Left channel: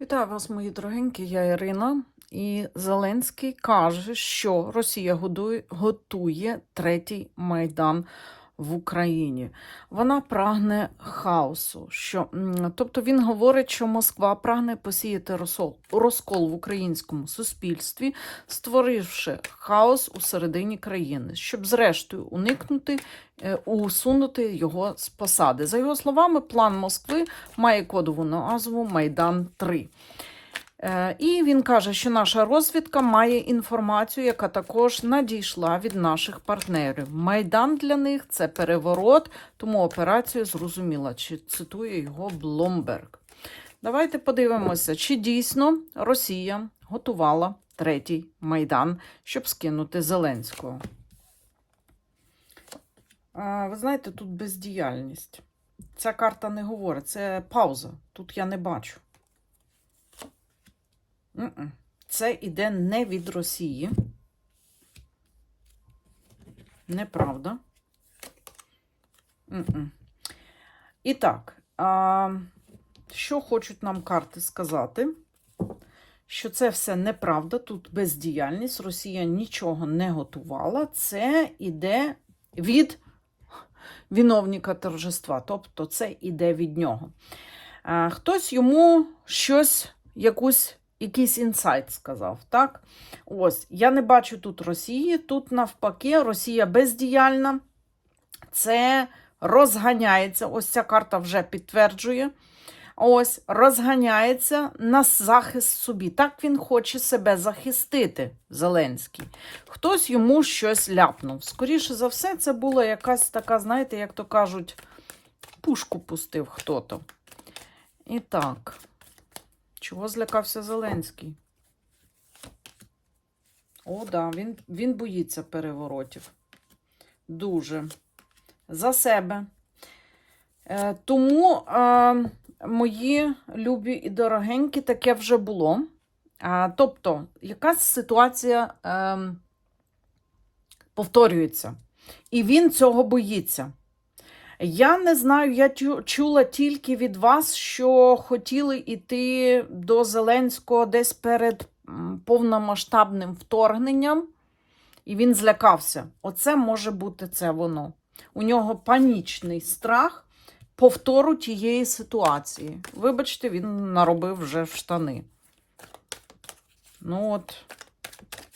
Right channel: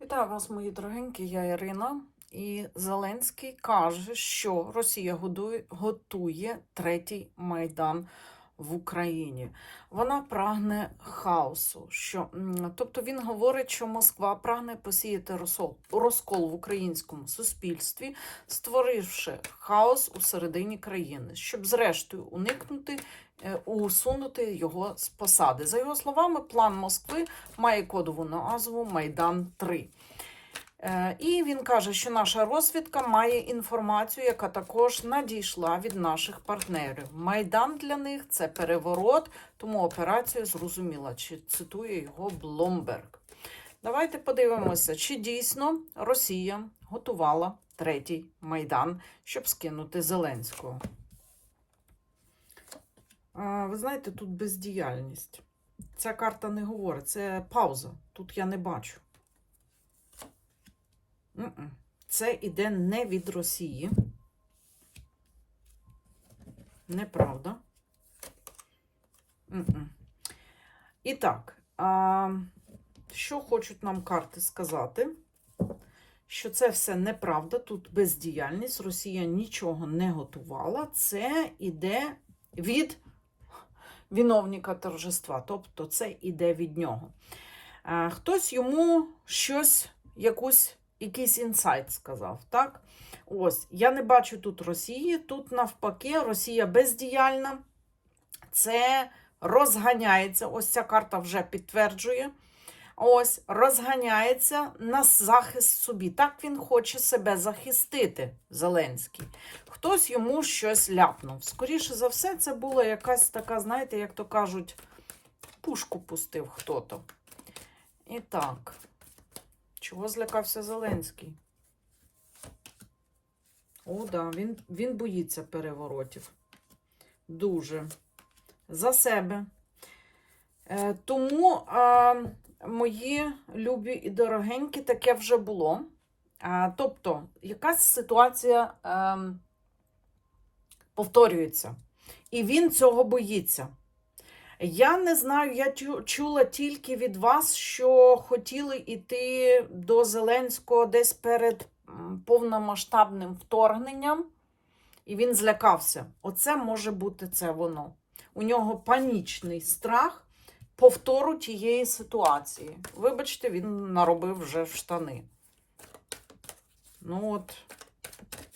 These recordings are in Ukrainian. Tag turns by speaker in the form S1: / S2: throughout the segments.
S1: Вітаю вас, мої дорогенькі, я Ірина. І Зеленський каже, що Росія готує третій майдан в Україні. Вона прагне хаосу. Що, тобто він говорить, що Москва прагне посіяти розкол, в українському суспільстві, створивши хаос у середині країни, щоб зрештою уникнути, е, усунути його з посади. За його словами, план Москви має кодову назву Майдан 3. Е, І він каже, що наша розвідка має інформацію, яка також надійшла від наших партнерів. Майдан для них це переворот, тому операція зрозуміла, чи цитує його Блумберг. Давайте подивимося, чи дійсно Росія готувала третій майдан, щоб скинути Зеленського. Ви знаєте, тут бездіяльність. Ця карта не говорить, це пауза. Тут я не бачу. Це іде не від Росії. Неправда. І так, що хочуть нам карти сказати? Що це все неправда, тут бездіяльність, Росія нічого не готувала. Це іде від виновника торжества, тобто це іде від нього. Хтось йому щось, якусь якийсь інсайт сказав. так? Ось, я не бачу тут Росії, тут навпаки, Росія бездіяльна. Це розганяється. Ось ця карта вже підтверджує. Ось розганяється на захист собі. Так він хоче себе захистити, Зеленський. Хтось йому щось ляпнув. Скоріше за все, це була якась така, знаєте, як то кажуть, пушку пустив хто-то. І так. Чого злякався Зеленський? О, да, він, він боїться переворотів. Дуже. За себе. Е, тому, е, мої любі і дорогенькі, таке вже було. Е, тобто, якась ситуація е, повторюється. І він цього боїться. Я не знаю, я чула тільки від вас, що хотіли йти до Зеленського десь перед повномасштабним вторгненням, і він злякався. Оце може бути це воно. У нього панічний страх повтору тієї ситуації. Вибачте, він наробив вже штани. Ну от,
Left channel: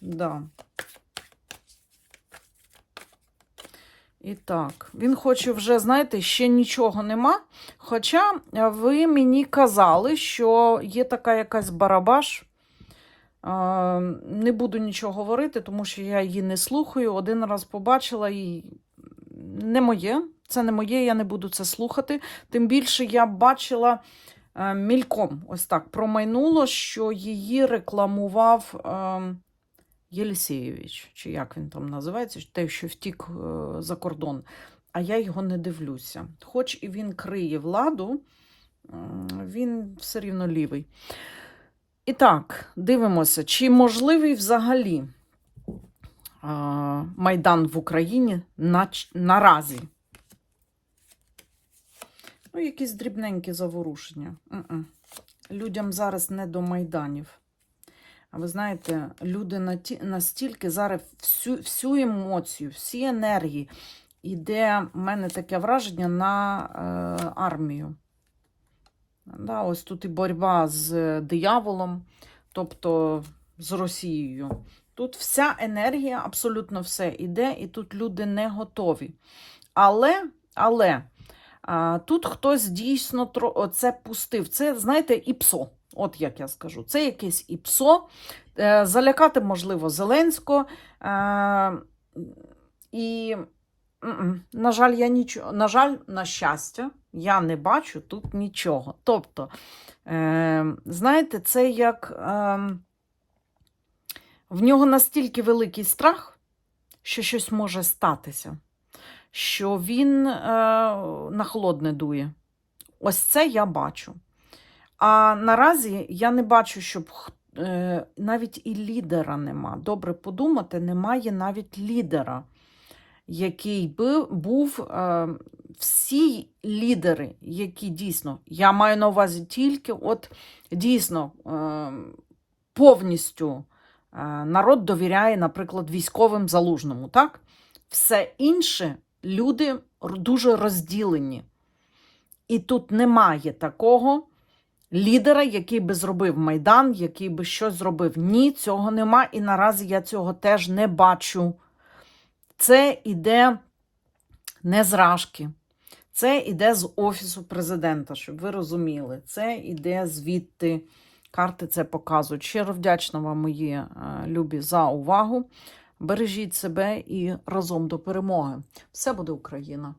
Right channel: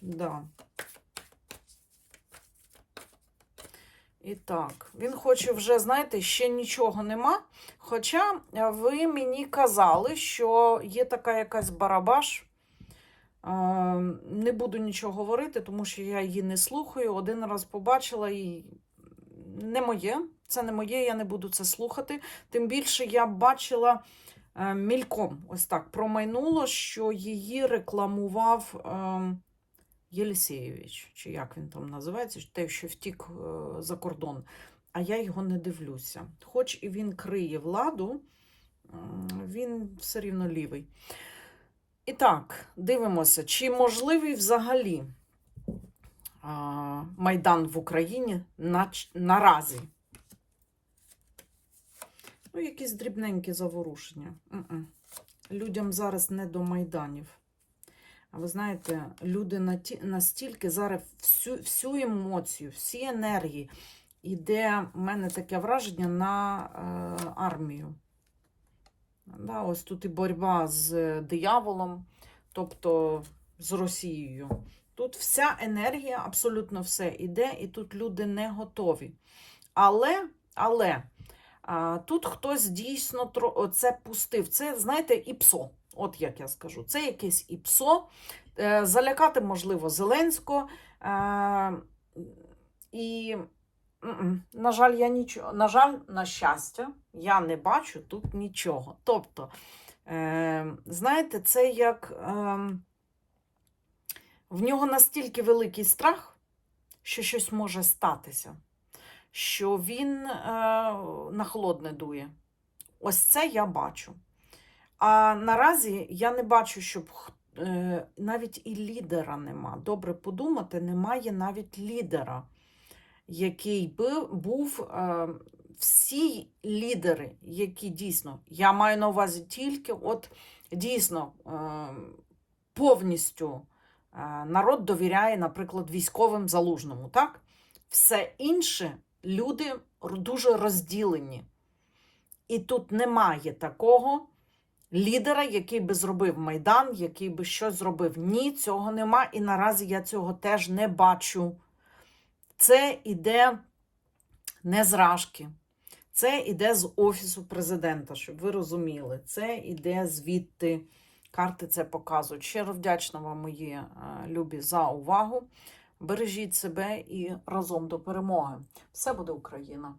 S1: да. І так, він хоче вже, знаєте, ще нічого нема. Хоча ви мені казали, що є така якась барабаш. Е, Не буду нічого говорити, тому що я її не слухаю. Один раз побачила і не моє. Це не моє, я не буду це слухати. Тим більше я бачила е, мільком, ось так промайнуло, що її рекламував. Єлісєєвич, чи як він там називається, той, що втік е, за кордон. А я його не дивлюся. Хоч і він криє владу, він все рівно лівий. І так, дивимося, чи можливий взагалі Майдан в Україні на, наразі. Ну, якісь дрібненькі заворушення. Людям зараз не до майданів. Ви знаєте, люди настільки зараз всю, всю емоцію, всі енергії іде, в мене таке враження на е, армію. Да, ось тут і боротьба з дияволом, тобто з Росією. Тут вся енергія, абсолютно все іде, і тут люди не готові. Але, але а, тут хтось дійсно це пустив. Це, знаєте, іпсо. От як я скажу, це якесь іпсо. Е, Залякати, можливо, Зеленського. Е, І, на жаль, я нічого, на жаль, на щастя, я не бачу тут нічого. Тобто, е, знаєте, це як е, в нього настільки великий страх, що щось може статися, що він на холодне дує. Ось це я бачу. А наразі я не бачу, щоб е, навіть і лідера нема. Добре подумати, немає навіть лідера. який би був е, всі лідери, які дійсно, я маю на увазі тільки, от дійсно е, повністю народ довіряє, наприклад, військовим залужному, так? Все інше люди дуже розділені. І тут немає такого лідера, який би зробив Майдан, який би щось зробив. Ні, цього нема. І наразі я цього теж не бачу. Це іде не з Рашки. Це іде з Офісу президента, щоб ви розуміли. Це іде звідти. Карти це показують. Щиро вдячна вам, мої е, любі, за увагу. Бережіть себе і разом до перемоги. Все буде Україна!